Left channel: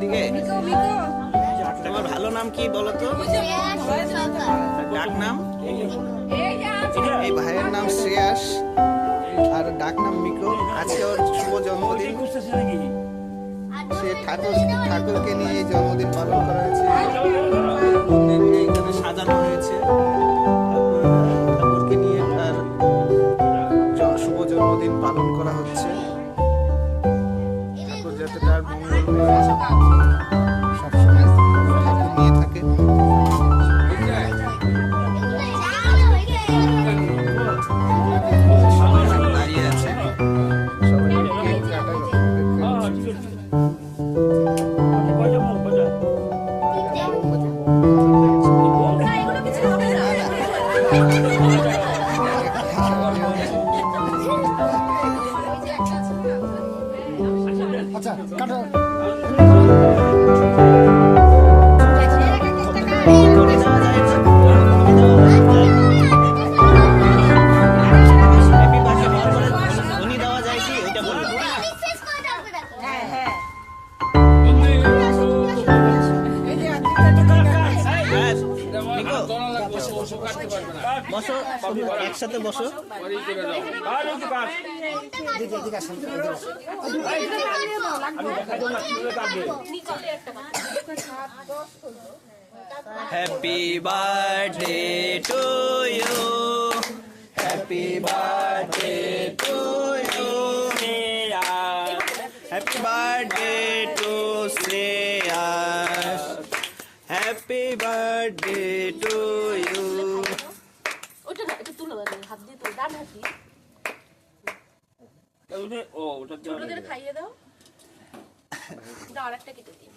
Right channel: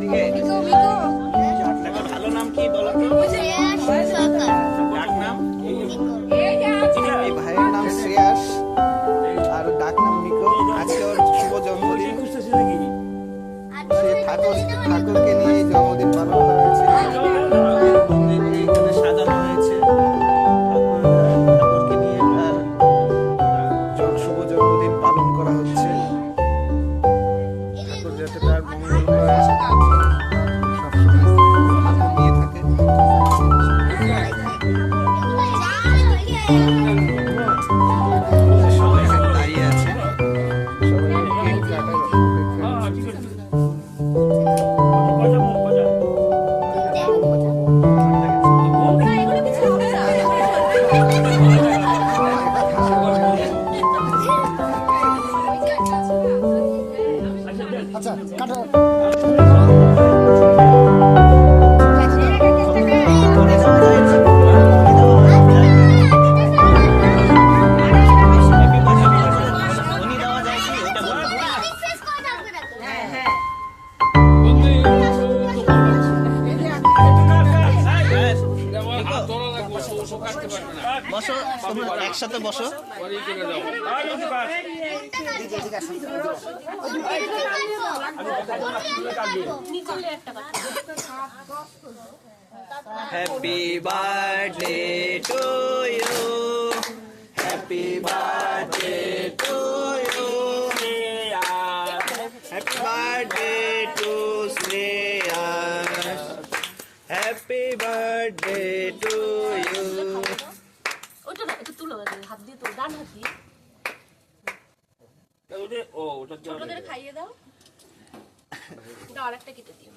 এদিকে তোমার ভালো নাম কি বলো তো? ডাক নাম? এই ভাইয়ের নাম শ্রেয়াস আর ডাক নাম মিকো। আজকে ওর শুভ জন্মদিন। সে ঠাকুরকে নিয়ে এই জন্মদিন পালন করা হয়েছে। মন্দিরকে এখানে সাজানো হয়েছে ঠাকুরকে নিয়ে তার শুভ জন্মদিন পালন করা হচ্ছে। ঠাকুর যাতে তার মঙ্গল করে সবসময় ঠাকুর নিয়ে থাকে। সবাই দাঁড়িয়ে আছে, সবাই কেক কাটা আচ্ছা কাটো। বসো, তোমরা একসাথে বসো। Happy birthday to you, happy birthday to you, happy birthday to Shreyas, happy birthday to you. হাত দিয়ে তো ডান হাত দিয়ে খাইয়ে দাও, আরেকটা কেটে দিই।